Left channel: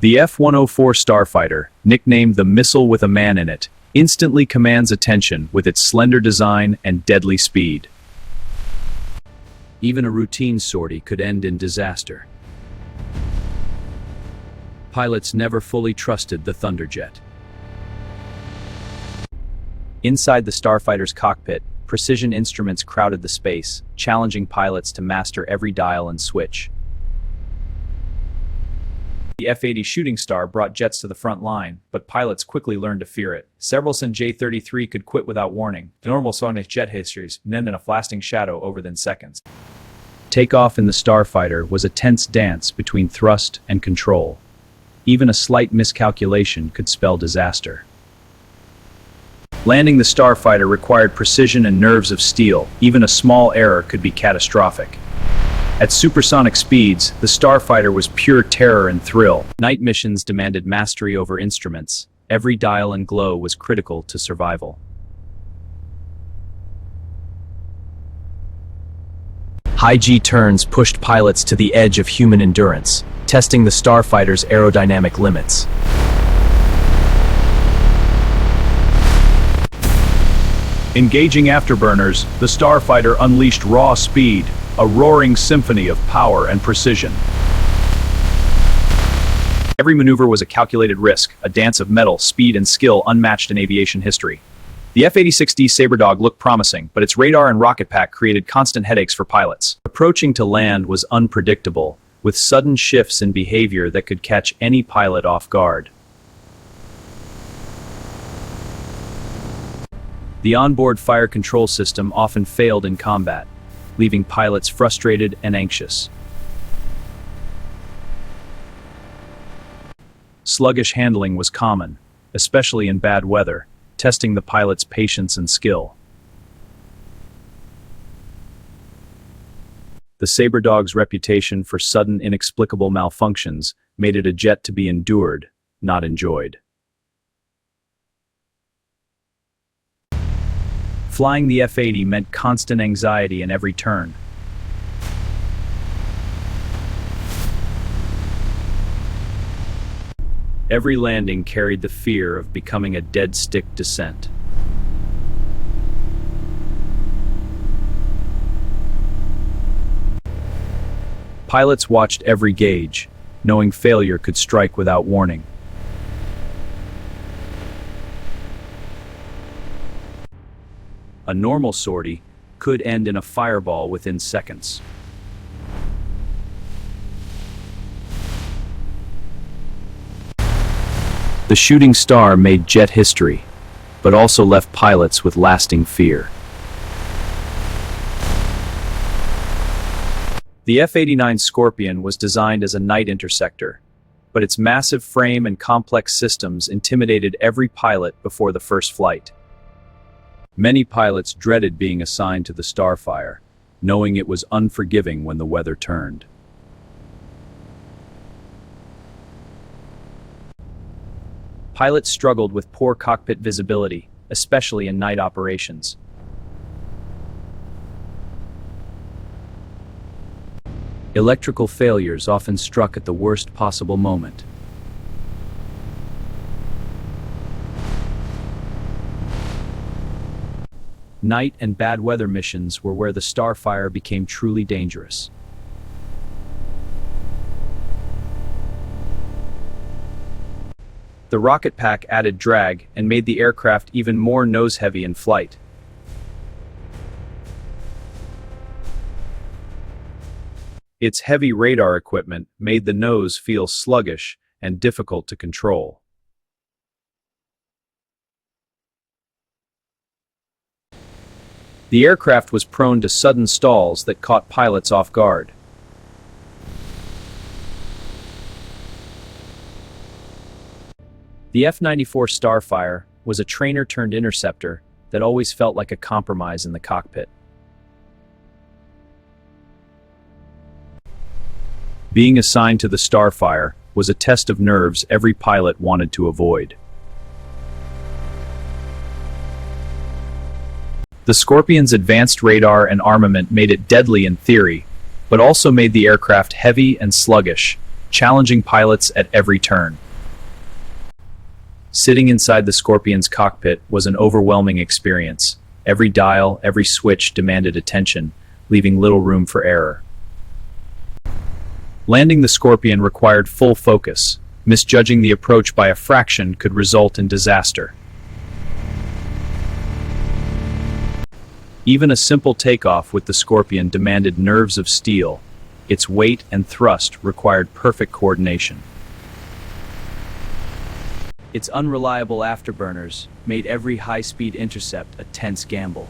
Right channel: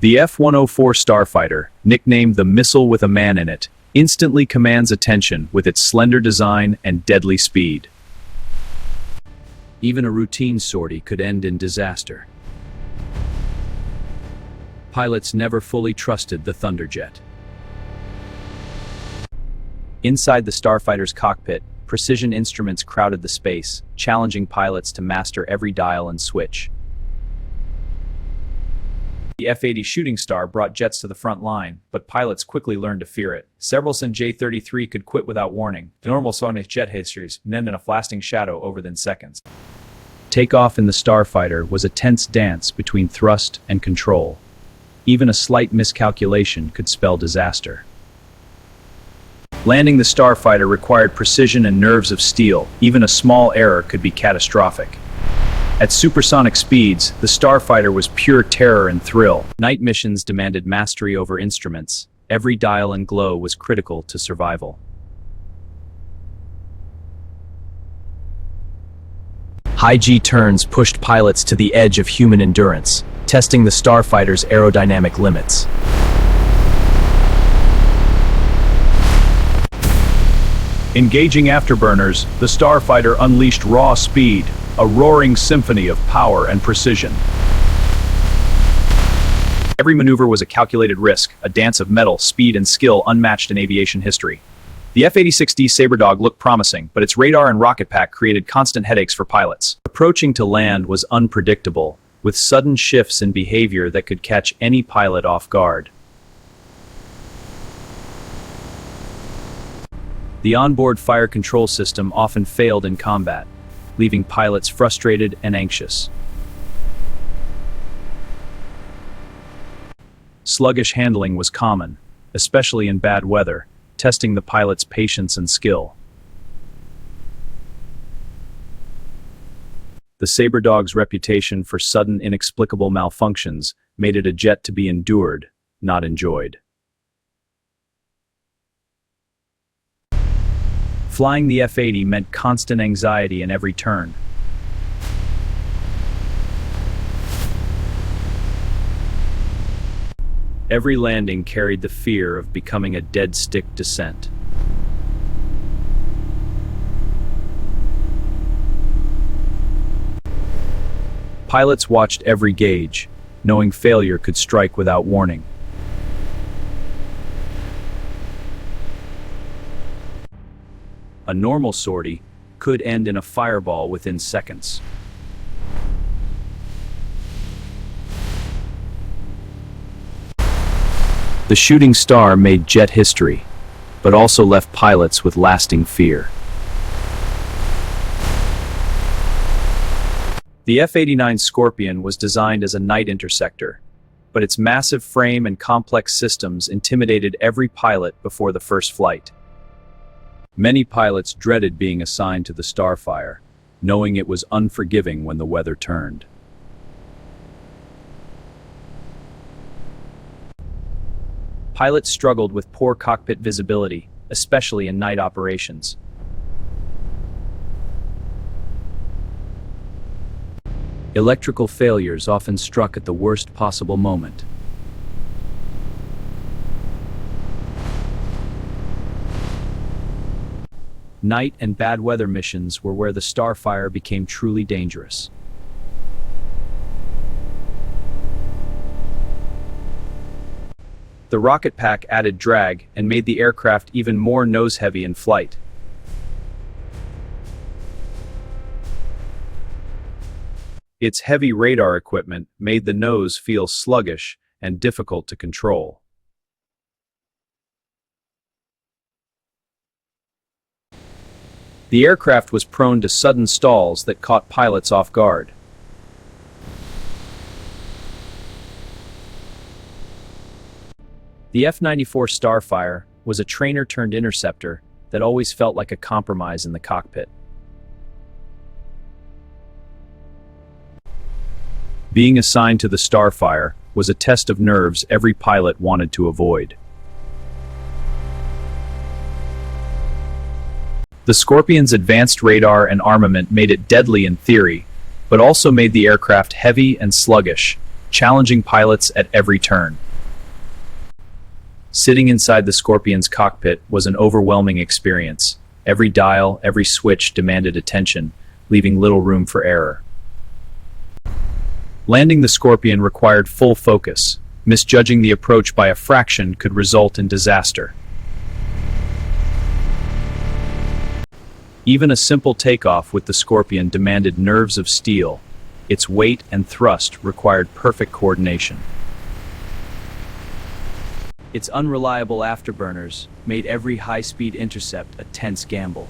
The F-104 starfighter, nicknamed the missile with a man in it, instantly commands attention with its slender design and deadly speed. Even a routine sortie could end in disaster. Pilots never fully trusted the Thunderjet. Inside the starfighter's cockpit, precision instruments crowded the space, challenging pilots to master every dial and switch. The F-80 Shooting Star brought jets to the front line, but pilots quickly learned to fear it. Several J-33 could quit without warning. The normal Sonic jet histories end in a blasting shadow over within seconds. Takeoff in the starfighter was a tense dance between thrust and control. Even a slight miscalculation could spell disaster. Landing the starfighter required precision and nerves of steel. Even a small error could be catastrophic. At supersonic speeds, the starfighter was pure terror and thrill. Night missions demanded mastery over instruments. Every dial and glow was critical to survival. High G turns pushed pilots to the edge of human endurance, testing the starfighter's aerodynamic limits. Engaging afterburners, the starfighter unleashed raw speed, a roaring symphony of power and precision. Every maneuver was a calculated risk, a dance of metal, speed, and skill unmatched in aviation history. The F-86D Sabredog looked promising, but its radar and rocket pack created constant headaches for pilots. Approaching to land was unpredictable, with sudden shifts in behavior that could catch any pilot off guard. The onboard fire control system often failed in combat, leaving pilots frustrated and anxious. Sluggish handling was common, especially in bad weather, testing the pilot's patience and skill. The Sabredog's reputation for sudden, inexplicable malfunctions made it a jet to be endured, not enjoyed. Flying the F-80 meant constant anxiety in every turn. Every landing carried the fear of becoming a dead-stick descent. Pilots watched every gauge, knowing failure could strike without warning. A normal sortie could end in a fireball within seconds. The shooting star made jet history, but also left pilots with lasting fear. The F-89 Scorpion was designed as a night interceptor, but its massive frame and complex systems intimidated every pilot before the first flight. Many pilots dreaded being assigned to the starfire, knowing it was unforgiving when the weather turned. Pilots struggled with poor cockpit visibility, especially in night operations. Electrical failures often struck at the worst possible moment. Night and bad weather missions were where the starfire became truly dangerous. The rocket pack added drag and made the aircraft even more nose-heavy in flight. Its heavy radar equipment made the nose feel sluggish and difficult to control. The aircraft was prone to sudden stalls that caught pilots off guard. The F-94 Starfire was a trainer-turned-interceptor that always felt like a compromise in the cockpit. Being assigned to the Starfire was a test of nerves every pilot wanted to avoid. The Scorpion's advanced radar and armament made it deadly in theory, but also made the aircraft heavy and sluggish, challenging pilots at every turn. Sitting inside the Scorpion's cockpit was an overwhelming experience. Every dial, every switch demanded attention, leaving little room for error. Landing the Scorpion required full focus. Misjudging the approach by a fraction could result in disaster. Even a simple takeoff with the Scorpion demanded nerves of steel. Its weight and thrust required perfect coordination. Its unreliable afterburners made every high-speed intercept a tense gamble.